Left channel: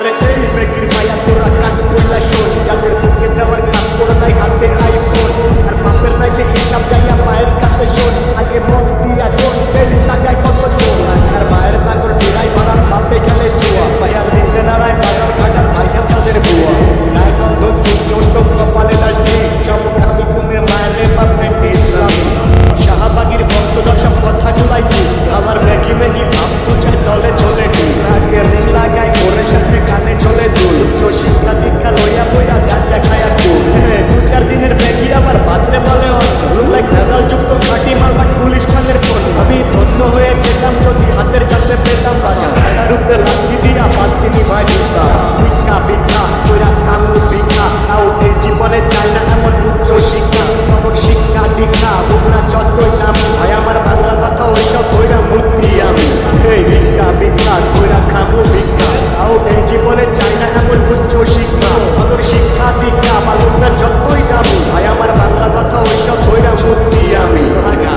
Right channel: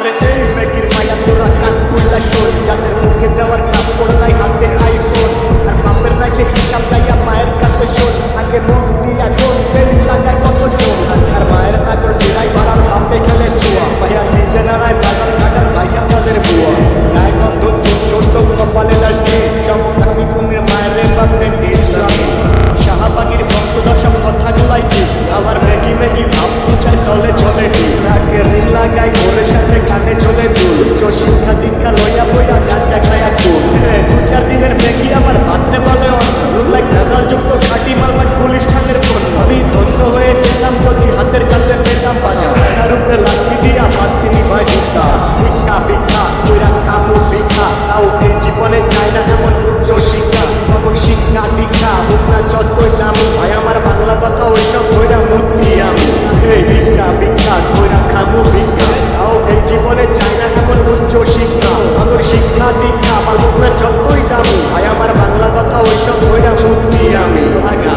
আরে এই মেঘির মায়া তোরা কান খুললা শোন, যাদের মুখে দেওয়ার কাজ করে নাই হাতে আইফোন, আর বাপের ম্যাচে হিসাব যাইয়া মায়ের কাছে শোন, আগে মন দিয়া জন বেলি লাগায় কত জোর, আর মায়ের নাগর ডিরাই বাড়ার বাপে খেলে জুয়া, ভাইয়া নিজে নাড়ায় বাজার ঘাটার ভাইয়া তাদের বুয়া, গায়ে গন্ধ চুল ছোট কপালে লাঠি, সমকামী কুমির মায়ের রে বাপ ভেন্টি ইসলামী, শাহবাগীর বংশধর সব কথাগুলাই ঠিক, আবার ম্যাগি ম্যাগি ভাব দু চাই তলে চলে ঠিক, নাকে রিং লাগায় গোরের সাথে কানে চলে দুল, উচ্চ শিক্ষা দীক্ষা লইয়া বইয়া গাঁজা খায়া কুল, দু চার দিনের ম্যাগি আবার ভাতরে বলে অন্য, লুক লাইক ভেজাল যুক্ত খাঁটি মাল বাট গুলিস্তানের পণ্য, আমি ধন্য হয়ে যেতাম যদি হাতের কাছে পেতাম বাজার, তার উপরে লাঠি দিয়া বাদ তিনি ভাই দিতা, ভিক্ষা ভিক্ষা কইরা কামু ভিক্ষা, তাও এই জীবনে চাই না এমন উচ্চ শিক্ষা, বাবুর শিক্ষা দীক্ষা হোক না যতই নামি, ভাই আমার বাংলা কথা ওইসব কইরা মূর্তি আমি, এই ভিক্ষা ভিক্ষা কইরা খামু ভিক্ষা, তাও এই জীবনে চাই না এমন উচ্চ শিক্ষা, বাবুর শিক্ষা দীক্ষা বা হোক না যতই দামি, ভাই আমার বাংলা কথা ওইসব কইরা মূর্তি আমি লাগা।